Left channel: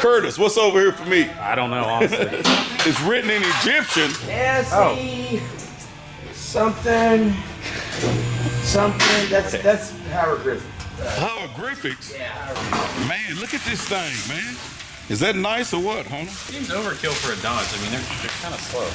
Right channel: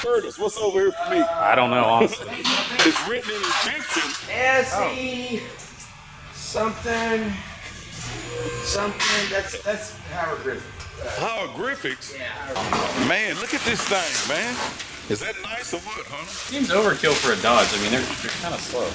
Curtis, what's over here for me? I don't know, honestly. It's written in Egyptian. S-E something. That's hieroglyphic. Hieroglyphics? Yeah, hieroglyphic. Man, look at this thing, man. Is that nice or what, Hunter? Seems overkill for a Dodge. I mean, they're kind of slow.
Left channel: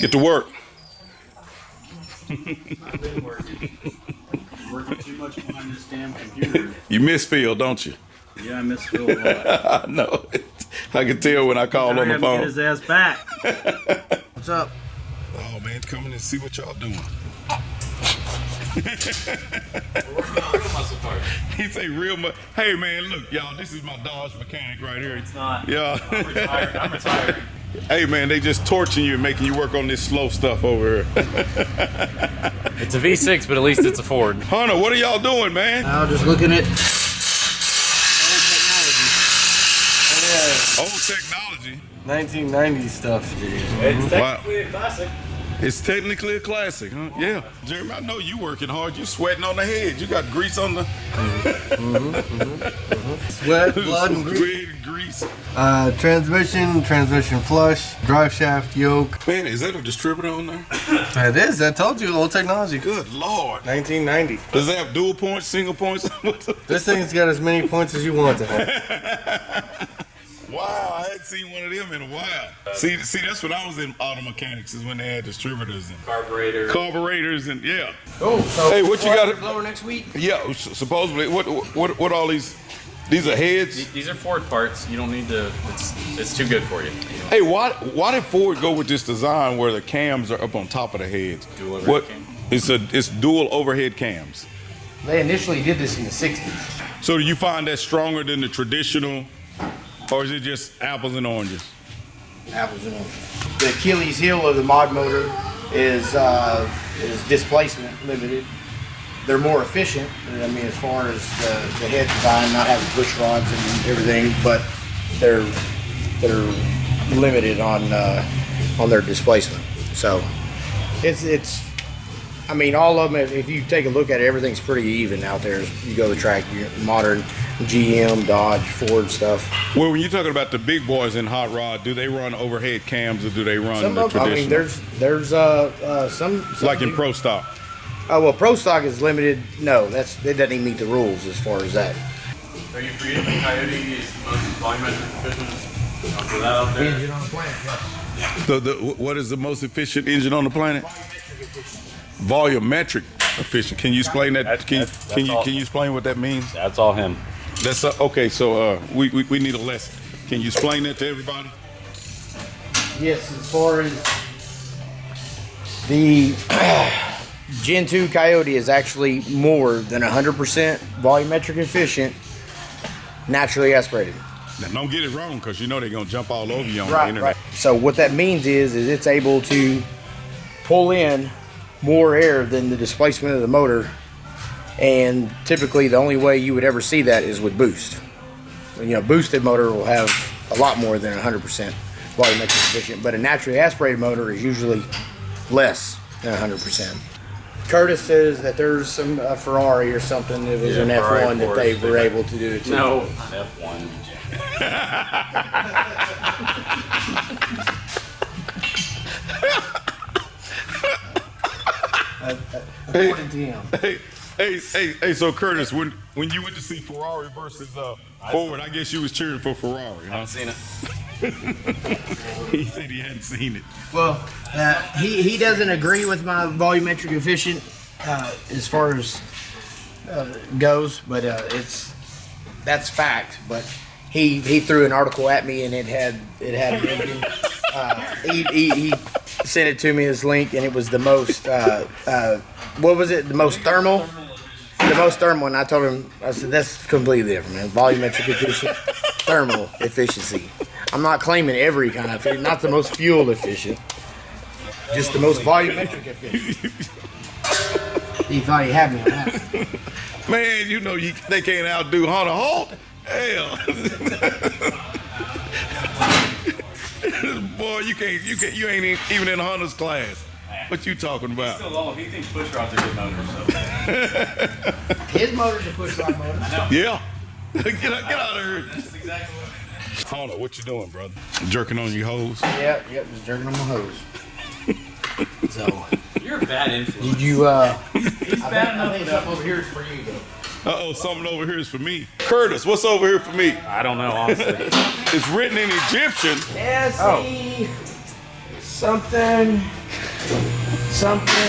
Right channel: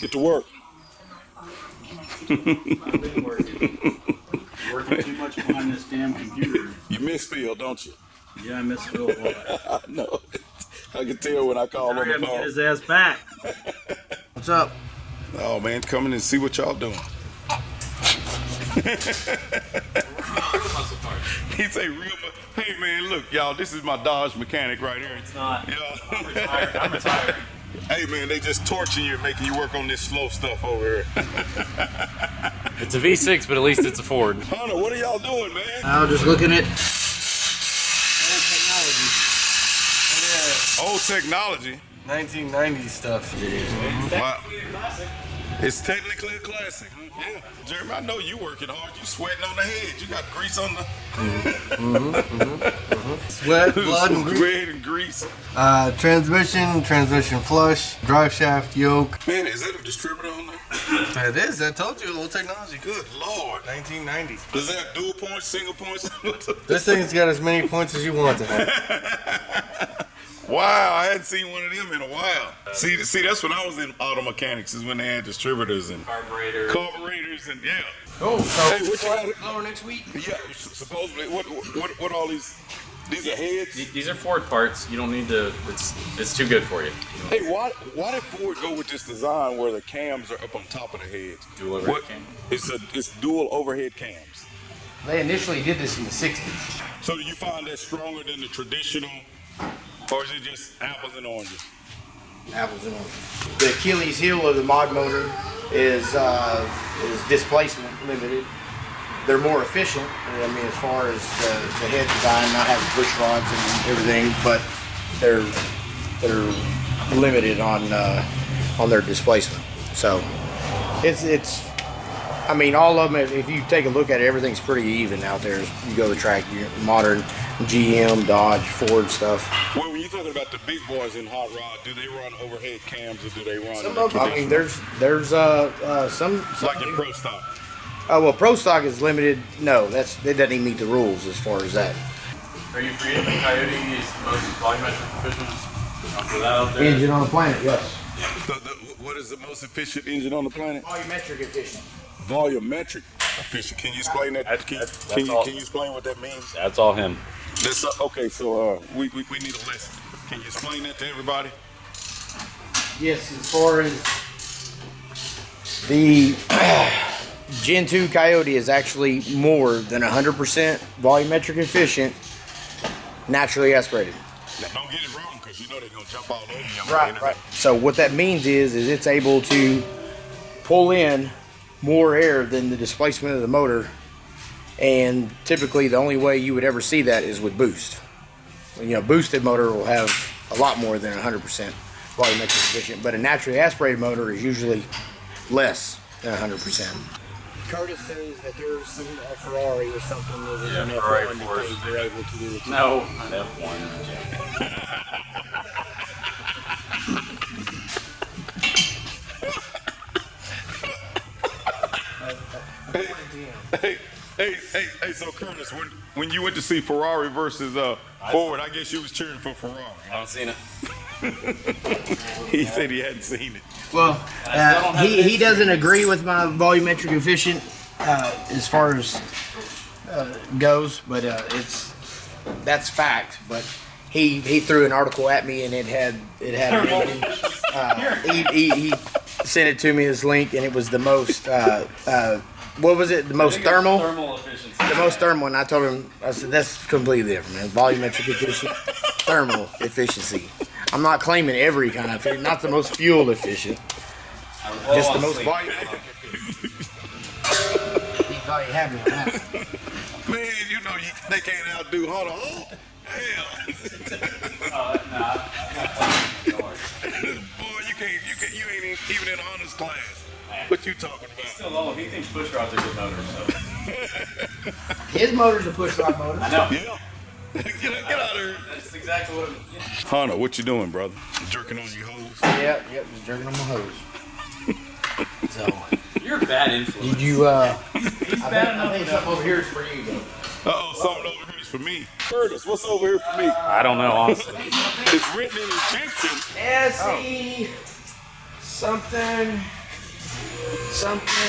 Get to work. I've been working. Working too much behind this damn computer. You miss Phil, don't you? Yeah, I miss Phil a lot. I know. I can tell when I call on the Get phone. his ass back. What's up? Oh, man, come in and see what y'all doing. He say real much. Hey, man, look, y'all, this is my Dodge mechanic right here. It's not. Yeah. I'm retired. I'm retired. Hey, man, they just torching you, making you work on this slow stuff over here. It's a V6, but at least it's a Ford. Hunter, what are y'all doing, man? I was just looking at Old technology. 1990s stuff. It's Wow. technically a classic. It's technically a classic, huh? Yeah. Jeremy, I know you working hard. You sweating on the head. You got grease on the... Sweat, blood, and grease. Sweat and grease. Transmission flush, drive shaft, yoke. Man, is that a distributor on there? It is. I told you, old technology. Good Lord. 1990. Does it have dual points, single points? This thing's got as many points as you want to have. Wow, I hadn't seen one of them in a while. See, that's when I was in auto mechanics, is when they had distributors and carburetors and yeah. Cool. So Hey, what you got? blower next week? Yeah, supposedly. What all these? These are heads. These are Ford parts. You don't need to. It's too good for you. Hey, why did Ford go with this design where the cams are up on top of the heads? Dual overhead cam. It's dual overhead cams. They initially did this in the 60s. So do you find that stronger than the traditional, or is it just apples and oranges? Apples and oranges. The Achilles heel of the mod motor is displacement limited. They're more efficient. I mean, as far as the head design, not having push rods and everything, but they're limited on their displacement. So it's. I mean, all of them. If you take a look at it, everything's pretty even out there. You go to the track, modern GM, Dodge, Ford stuff. Well, when you're talking about the big boys in hot rod, do they run overhead cams or do they run Some the of them. I mean, traditional? there's some Like in Pro Stock. Oh well, Pro Stock is limited. No, it doesn't even meet the rules as far as that. Are you free? The Coyote is the most volumetric efficient. After that out there. Engine on the planet, yes. What is the most efficient engine on the planet? Volumetric efficient. Volumetric efficient. Can you explain that? That's Can you explain what that means? That's all him. That's okay. So we need a lesson. Can you explain that to everybody? Yes, as far as the Gen 2 Coyote is actually more than 100% volumetric efficient, naturally aspirated. Now, don't get it wrong, because you know they're gonna jump all over you on the Right, internet. right. So what that means is it's able to pull in more air than the displacement of the motor, and typically the only way you would ever see that is with boost. Boosted motor will have a lot more than 100% volumetric efficient, but a naturally aspirated motor is usually less than 100%. Curtis says that there's some Ferrari or something that was an F1 that they were able to do it too. No, not F1. According to him. Hey, so Curtis, when you went to see Ferrari versus Ford, I guess you was cheering for Ferrari. I haven't seen it. He said he hadn't seen it. Well, he doesn't agree with my volumetric efficient as far as goes, but that's fact. But he threw an article at me and it had a rating. He sent it to me as link, and it was the most what was it? The most thermal. Thermal efficiency. the most thermal, and I told him, I said, that's completely different, man. Volumetric efficient, thermal efficiency. I'm not claiming every kind of efficient, not the most fuel efficient, just the most volumetric efficient. He thought he had me on that. Man, you know they can't outdo Hunter Holt. Hell. Boy, you ain't even in Hunter's class. What you talking about? Still low. He thinks push rods are good motors. So. His motor's a push rod motor. I know. Yeah. Get out of here. That's exactly what it is. Hunter, what you doing, brother? Jerking on your hose? Yep, just jerking on my hose. So, You're a bad influence. did you, He's bad enough. I think something over here is for you, though. Uh-oh, something over here is for me. Curtis, what's over here for me? I don't know, honestly. It's written in Egyptian. S-E something,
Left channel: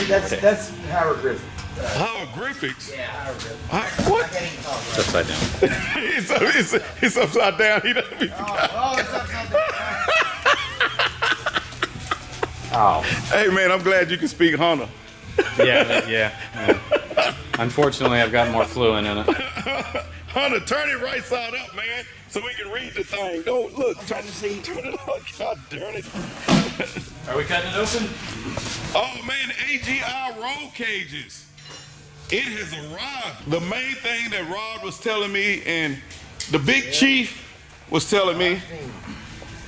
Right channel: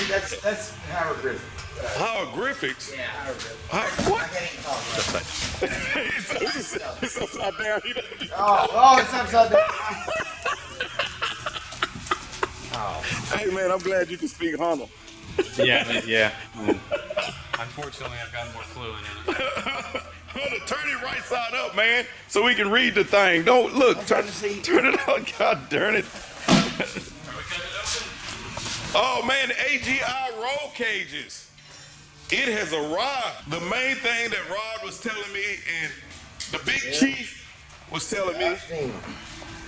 that's hieroglyphic. Hieroglyphics? Yeah, hieroglyphic. What? I can't even talk about it. Upside down. it's upside down. He doesn't be- Oh, it's upside down. Oh. Hey, man, I'm glad you can speak Hunter. Yeah. Unfortunately, I've got more fluent in it. Hunter, turn it right side up, man, so we can read the thing. Don't look. trying to see. Turn it up. God darn it. Are we cutting it open? Oh, man, the AGI Roll Cages. It has arrived. The main thing that Rod was telling me and the big chief was telling me,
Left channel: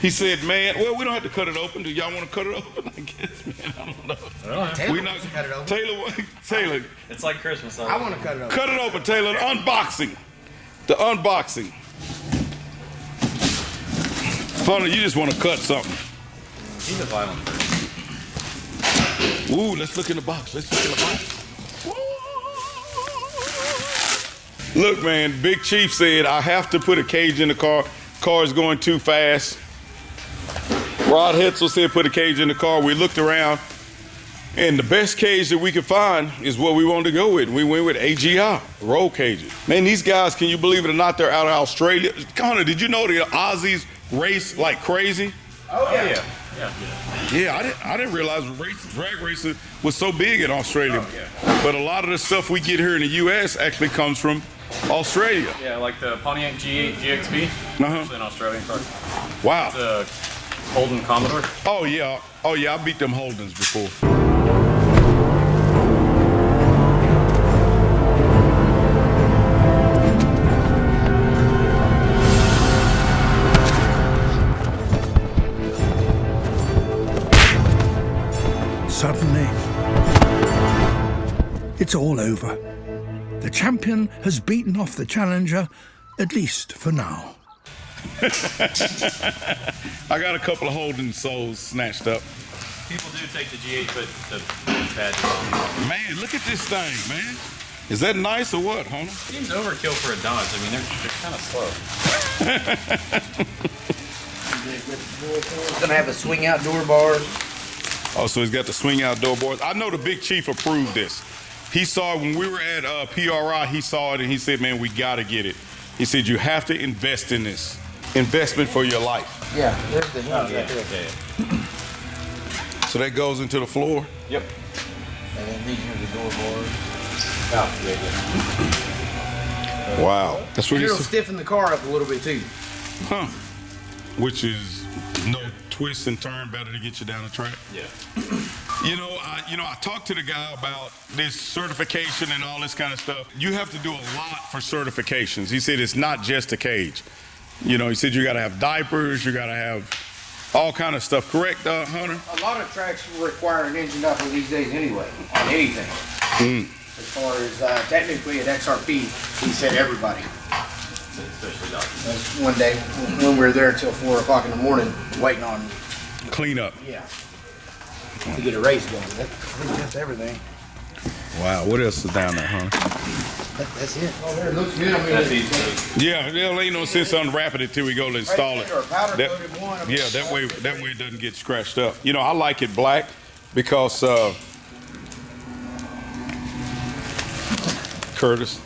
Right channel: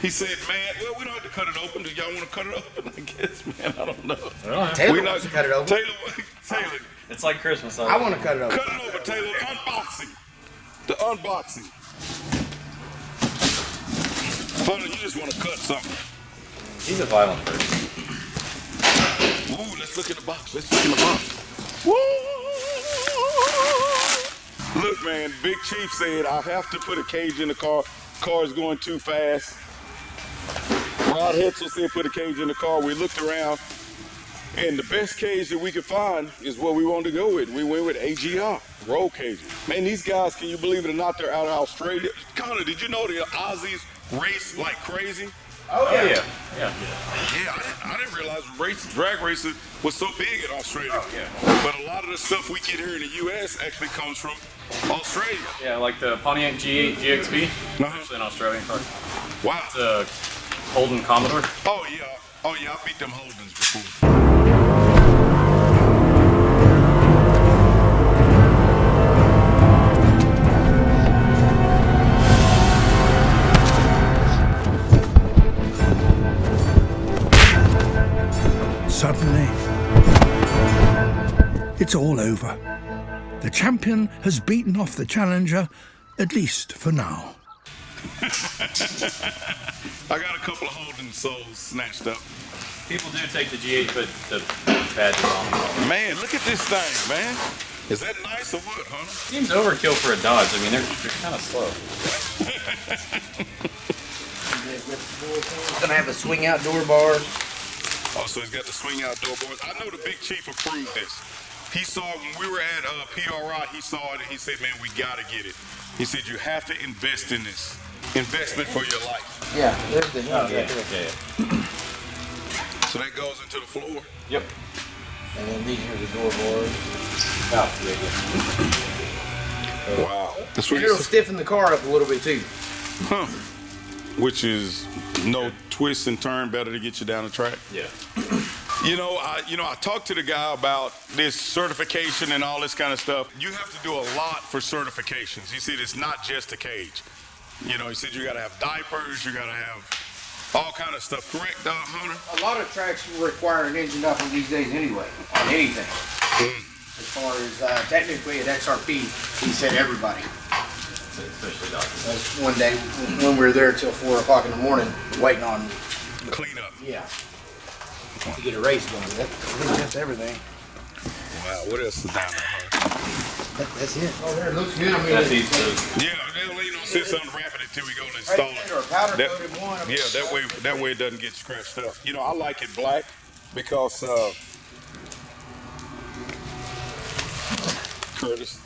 he said, man, well, we don't have to cut it open. Do y'all want to cut it open? I guess, man, I don't know. Taylor wants to cut it open. Taylor, It's like Christmas. I want to cut it open. cut it open, Taylor. Unboxing. The unboxing. Hunter, you just want to cut something. He's a violent person. Ooh, let's look in the box. Woo! Look, man, Big Chief said I have to put a cage in the car. Car's going too fast. Rod Hetzel said put a cage in the car. We looked around, and the best cage that we could find is what we wanted to go with. We went with AGI Roll Cages. Man, these guys, can you believe it or not, they're out of Australia. Connor, did you know the Aussies race like crazy? Oh, yeah. Yeah, I didn't realize drag racing was so big in Australia. Oh, yeah. But a lot of the stuff we get here in the U.S. actually comes from Australia. Yeah, like the Pontiac G8 GXB. It's an Australian car. Wow. It's a Holden Commodore. Oh yeah, I beat them Holdens before. Suddenly, it's all over. The champion has beaten off the challenger, at least for now. I got a couple of Holden souls snatched up. People do take the G8, but the badges on. Man, look at this thing, man. Is that nice or what, Hunter? Seems overkill for a Dodge. I mean, they're kind of slow. It's gonna have a swing out door bar. Oh, so he's got the swing out door boards. I know the Big Chief approved this. He saw it when we were at PRI. He saw it and he said, "Man, we gotta get it." He said, "You have to invest in this. Investment for your life." Yeah, there's the Yeah. So that goes into the floor. Yep. And then these are the door bars. Oh, yeah. Wow. That's what It'll he said. stiffen the car up a little bit too. Huh. Which is no twist and turn, better to get you down the track. Yeah. I talked to the guy about this certification and all this kind of stuff. You have to do a lot for certifications. He said it's not just a cage. He said you got to have diapers, you got to have all kind of stuff. Correct, Hunter? A lot of tracks require an engine diaper these days anyway, on anything. As far as technically at XRP, he said everybody. Especially Dodge. That's one day when we were there till 4 o'clock in the morning waiting on, Clean up. to get a race going. I think that's everything. Wow. What else is down there, huh? That's it. Oh, there, it looks good. I mean, That's easy. Yeah, there ain't no sense unwrapping it till we go to install it. Or a powder That- coated one. Yeah, that way it doesn't get scratched up. I like it black because Curtis.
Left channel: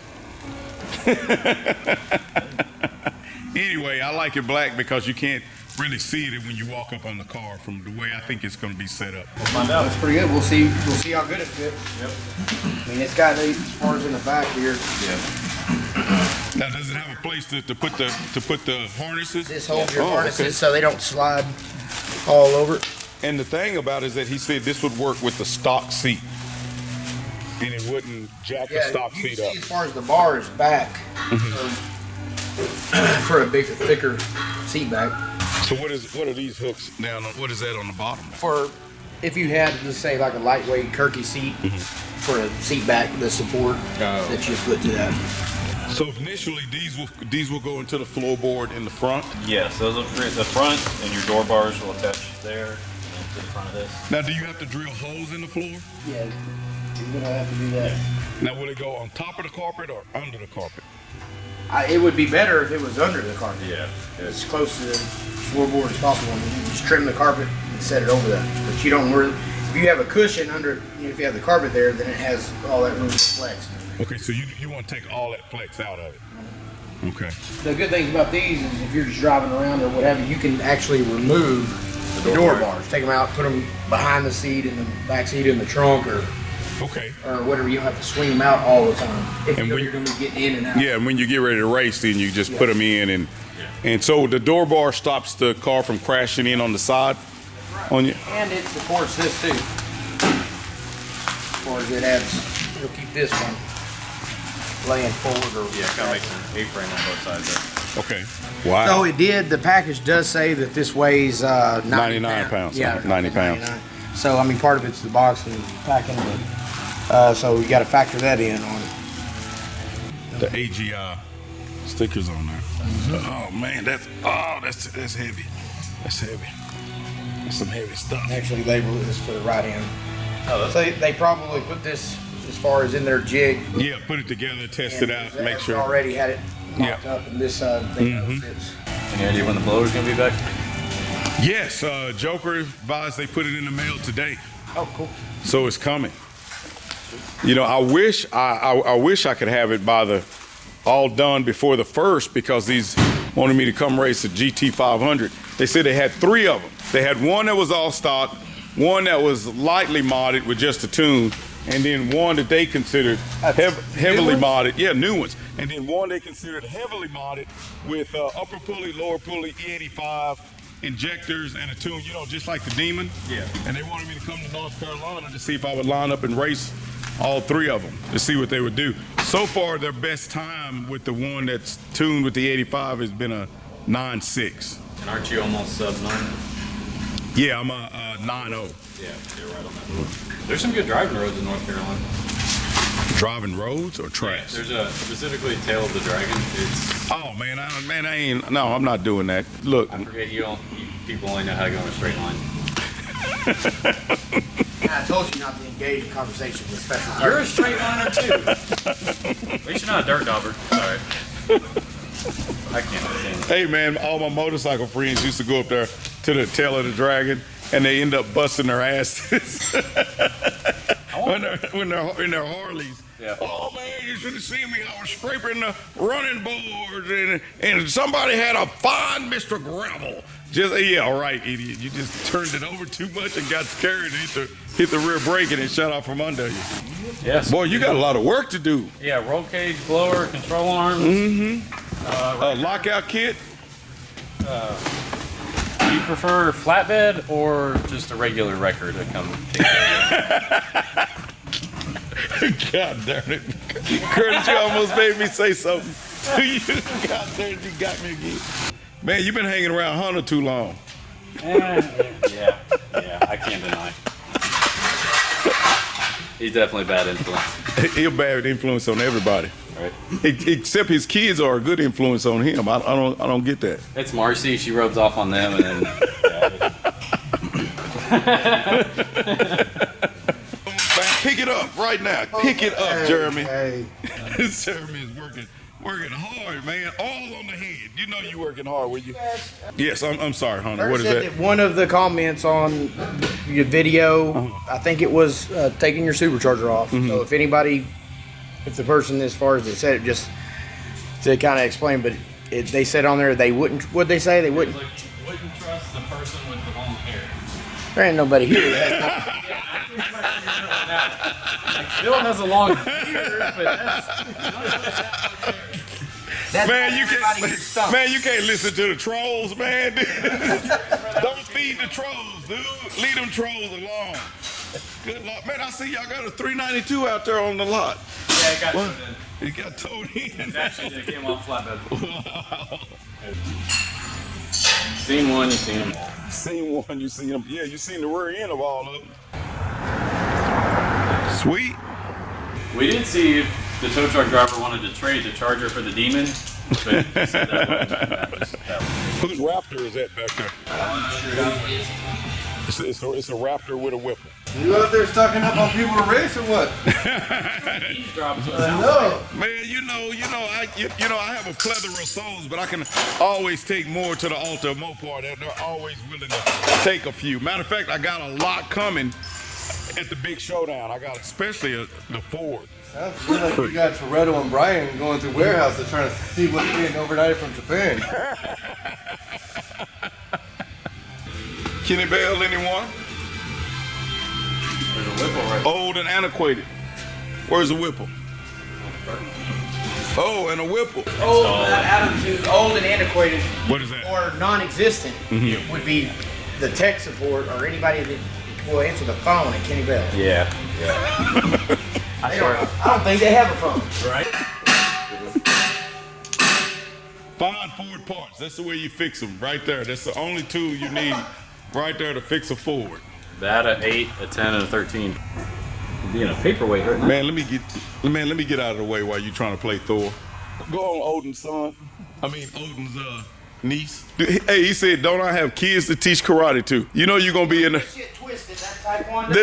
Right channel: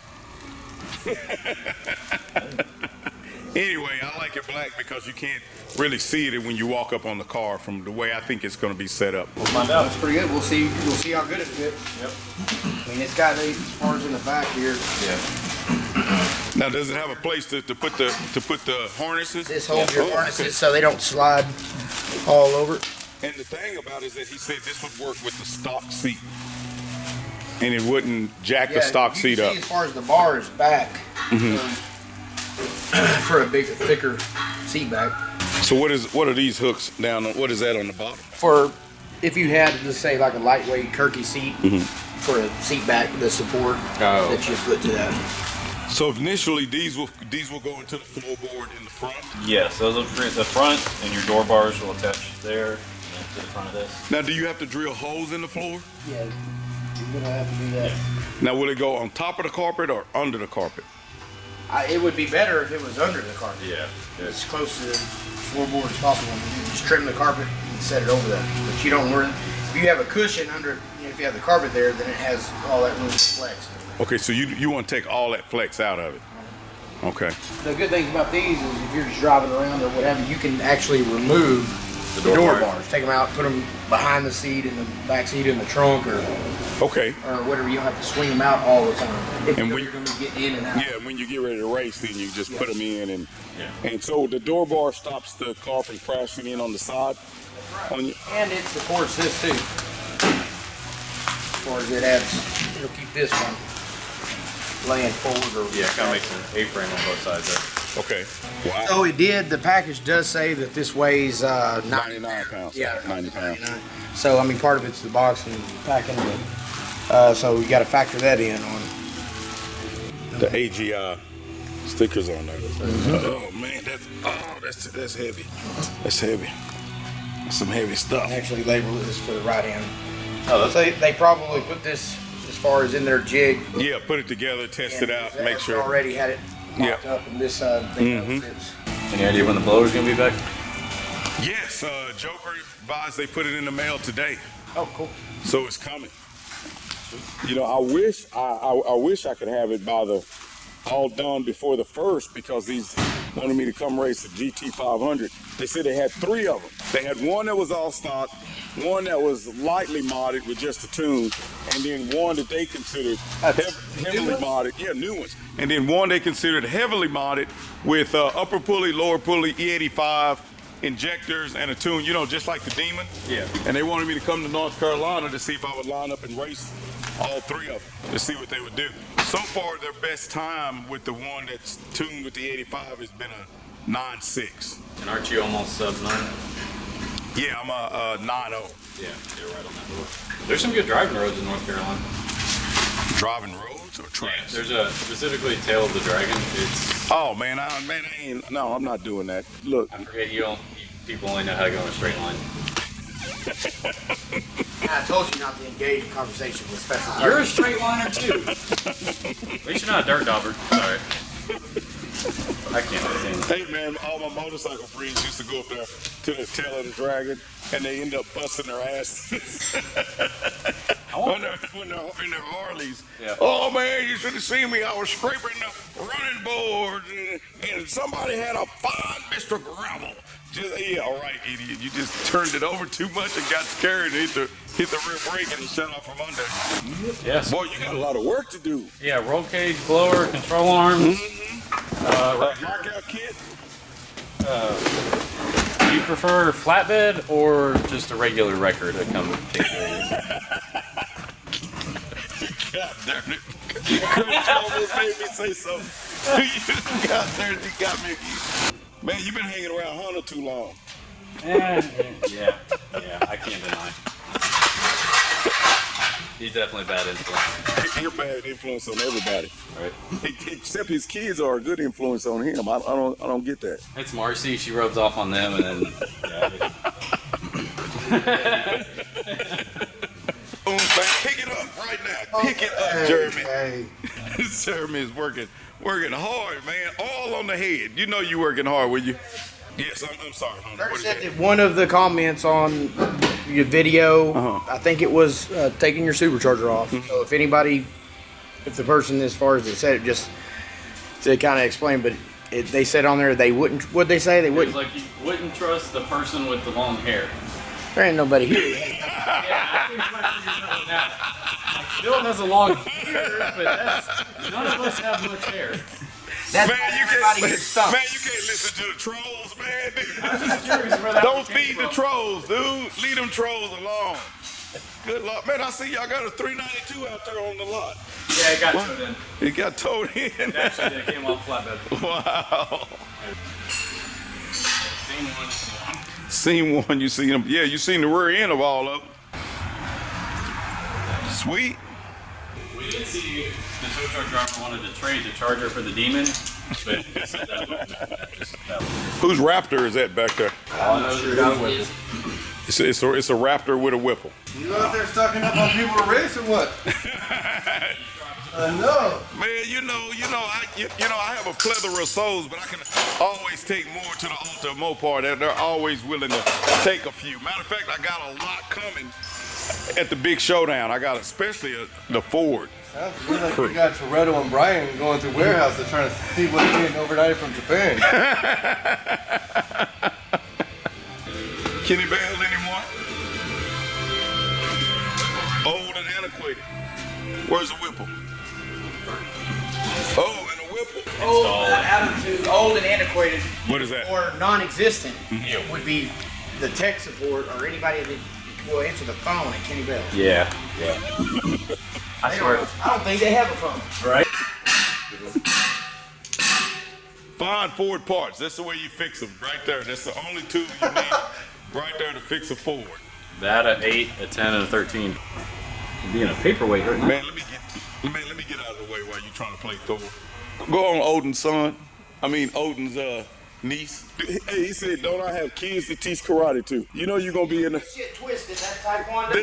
Anyway, I like it black because you can't really see it when you walk up on the car from the way I think it's going to be set up. We'll find out. That's pretty good. We'll see how good it fits. Yep. I mean, it's got as far as in the back here. Yeah. Now, does it have a place to put the harnesses? This holds your Oh, harnesses okay. so they don't slide all over. And the thing about it is that he said this would work with the stock seat, and it wouldn't jack the stock you seat can up. see as far as the bar is back for a bigger, thicker seat back. So what are these hooks down on? What is that on the bottom? For if you had, let's say, like a lightweight Kirky seat for a seat back, the support that you put to that. So initially, these will go into the floorboard in the front. Yes, those will create the front, and your door bars will attach there and to the front of this. Now, do you have to drill holes in the floor? Yeah, you're gonna have to do that. Now, will it go on top of the carpet or under the carpet? It would be better if it was under the carpet. Yeah. As close to the floorboard as possible. And you just trim the carpet and set it over that. But you don't worry. If you have a cushion under, if you have the carpet there, then it has all that room to flex. Okay, so you want to take all that flex out of it. Okay. The good thing about these is if you're just driving around or whatever, you can actually remove the door bars. Take them out, put them behind the seat, in the back seat, in the trunk, or Okay. whatever. You don't have to swing them out all the time. If And you know when- you're going to be getting in and out. Yeah, and when you get ready to race, then you just put them in, and so the door bar stops the car from crashing in on the side on you. And it supports this too. As far as it adds, it'll keep this one laying forward or Yeah, it kind of makes an A-frame on both sides there. Okay. Wow. So it did. The package does say that this weighs 90 99 pounds. Yeah, 90 pounds. 99. So I mean, part of it's the box and packing, but so you got to factor that in on it. The AGI stickers on there. Oh man, that's heavy. That's heavy. That's some heavy stuff. Actually, label this for the right hand. Oh, So they probably put this as far as in their jig. Yeah, put it together, test it out, make sure. Already had it mocked Yeah. up, and this thing fits. Any idea when the blower's going to be back? Yes, Joker advised they put it in the mail today, Oh, cool. so it's coming. You know, I wish I could have it by all done before the first, because these wanted me to come race the GT 500. They said they had 3 of them. They had one that was all stock, one that was lightly modded with just a tune, and then one that they considered heavily modded. Yeah, new ones. And then one they considered heavily modded with upper pulley, lower pulley, E85 injectors and a tune, you know, just like the Demon. Yeah. And they wanted me to come to North Carolina to see if I would line up and race all 3 of them to see what they would do. So far, their best time with the one that's tuned with the 85 has been a 9.6. And aren't you almost sub-9? Yeah, I'm a 9.0. Yeah, you're right on that. There's some good driving roads in North Carolina. Driving roads or tracks? There's a specifically Tail of the Dragon. It's Oh man, I ain't. No, I'm not doing that. Look, I forget people only know how to go in a straight line. I told you not to engage in conversation with special. You're a straight liner too. At least you're not a dirt dauber. Sorry. I can't understand. hey man, all my motorcycle friends used to go up there to the Tail of the Dragon, and they end up busting their asses when they're in their Harleys. Yeah. Oh man, you should have seen me. I was scraping the running boards, and somebody had a fine Mr. Gravel. Just yeah, right, idiot. You just turned it over too much and got scared and hit the rear brake and it shut off from under you. Yes. Boy, you got a lot of work to do. Yeah, roll cage, blower, control arms. Lockout kit. Do you prefer flatbed or just a regular wrecker to come take care of you? God darn it. Curtis, you almost made me say something. God darn it, you got me again. Man, you've been hanging around Hunter too long. Yeah, I can't deny. He's definitely a bad influence. He's a bad influence on everybody. Right. Except his kids are a good influence on him. I don't get that. It's Marcy. She rubs off on them, and then. Pick it up right now. Pick it up, Jeremy. Hey. Jeremy is working hard, man. All on the head. You know you working hard, will you? Yes, I'm sorry, Hunter. What is said that? one of the comments on your video, I think it was taking your supercharger off. So if the person as far as it said it, just to kind of explain, but they said on there they wouldn't. What'd they say? They It was wouldn't. like you wouldn't trust the person with the long hair. There ain't nobody here. Yeah, I think you might figure it out. Like, Phil has a long beard, but none of us have much hair. That's Man, you everybody can't. gets stumped. Man, you can't listen to the trolls, man. Don't feed the trolls, dude. Leave them trolls alone. Good luck, man. I see y'all got a 392 out there on the lot. Yeah, it got towed in. It got towed in. Actually, it came off flatbed. Wow. Seen one, you seen them all. Seen one, you seen them. Yeah, you seen the rear end of all of them. Sweet. We did see if the tow truck driver wanted to trade the Charger for the Demon, but he said that wasn't that was. Whose Raptor is that back there? I'm not sure who it is. It's a Raptor with a Whipple. You out there stocking up on people to race or what? No. Man, you know, I have a plethora of souls, but I can always take more to the altar of Mopar. They're always willing to take a few. Matter of fact, I got a lot coming at the big showdown. I got especially the Ford. Sounds like you got Toretto and Brian going through warehouses trying to see what's being overnighted from Japan. Kenny Bell, anyone? Old and antiquated. Where's the Whipple? Oh, and a Whipple. Old, out of the old and antiquated, What is that? or non-existent, would be the tech support or anybody that will answer the phone at Kenny Bell. Yeah. I don't think they have a phone. Right? Find Ford parts. That's the way you fix them, right there. That's the only tool you need right there to fix a Ford. That, a 8, a 10, and a 13. Being a paperweight right now. Man, let me get out of the way while you trying to play Thor. Go on Odin's Odin's niece. Hey, he said, don't I have kids to teach karate to? You know you're gonna be in the Shit twisted, that taekwondo.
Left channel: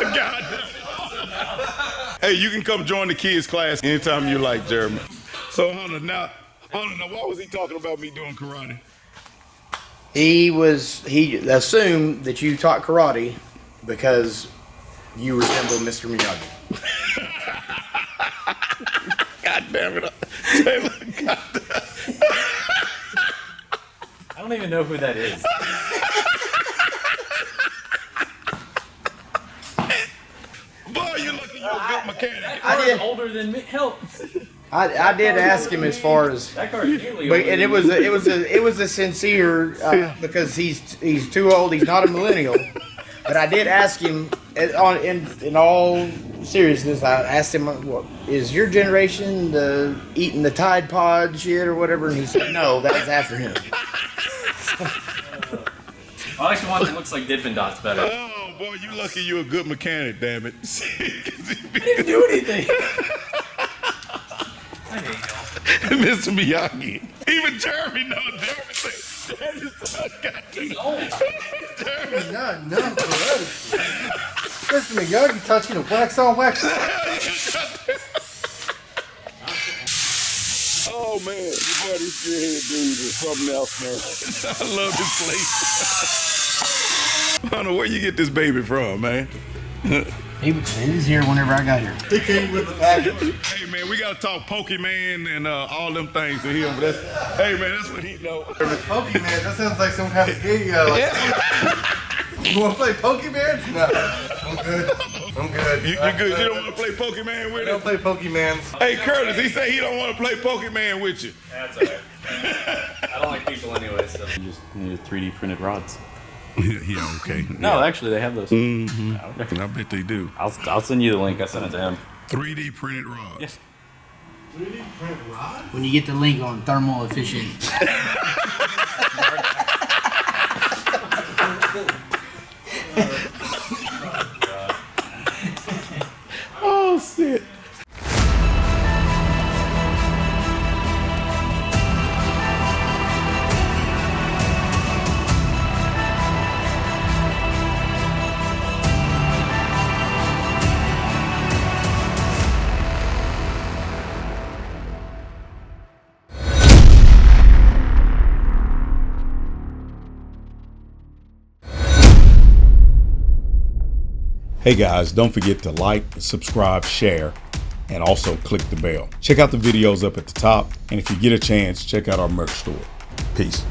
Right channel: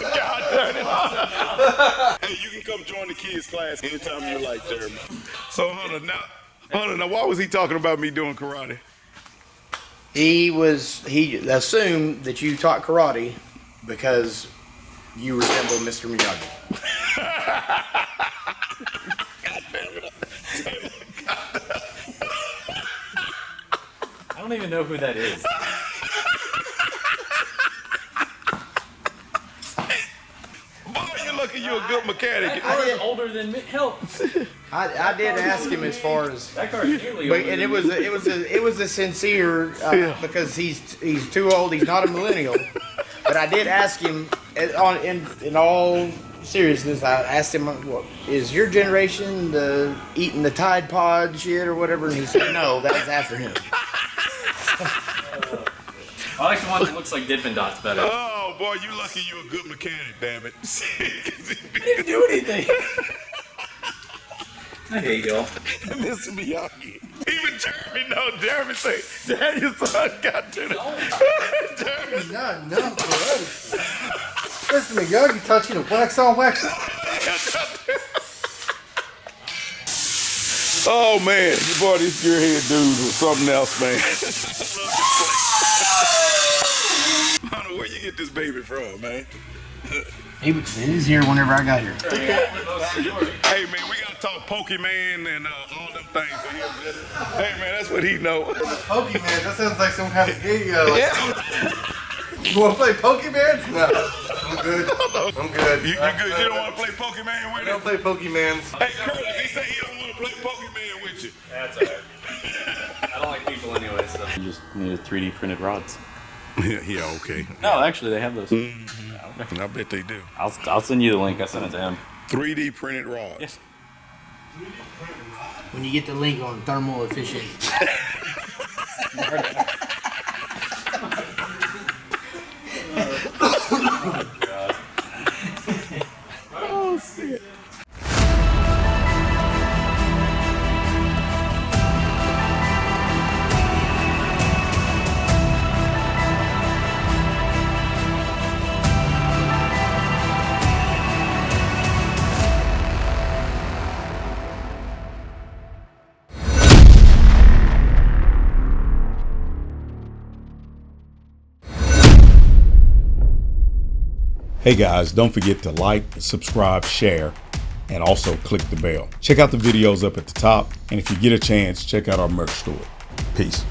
God damn it. Hey, you can come join the kids class anytime you like, Jeremy. So Hunter, now why was he talking about me doing karate? He assumed that you taught karate because you resemble Mr. Miyagi. God damn it. I don't even know who that is. Boy, you're lucky you're a good mechanic. That car is older than me. Help. I did ask him as far as, That car is nearly but older and than it was a sincere because he's too old. He's not a millennial. But I did ask him in all seriousness. I asked him, "What is your generation eating the Tide Pod shit or whatever?" And he said, "No, that was after him." I like the one that looks like Dippin' Dots better. Oh boy, you lucky you're a good mechanic, damn it. I didn't do anything. I hate y'all. Mr. Miyagi. Even Jeremy knows. Jeremy say, "Damn, your son got to He's old. Jeremy. No, correct. Mr. Miyagi taught you to wax on, wax off. Oh man, boy, this gearhead dude was something else, man. I love this place. I don't know where you get this baby from, man. He was here whenever I got here. He came with the back. Hey man, we gotta talk Pokemon and all them things to him. Hey man, that's what he know. Pokemon, that sounds like some kind of gay, you want to play Pokemon? No. I'm good. I'm good. You good? You don't want to play Pokemon with I him? don't play Pokemon. Hey Curtis, he said he don't want to play Pokemon with you. That's alright. I don't like people anyway, so. You just need 3D printed rods. Yeah, okay. No, actually, they have those. I bet they do. I'll send you the link. I sent it to him. 3D printed rods. Yes. When you get the link on thermal efficient. Oh shit. Hey guys, don't forget to like, subscribe, share, and also click the bell. Check out the videos up at the top, and if you get a chance, check out our merch store. Peace.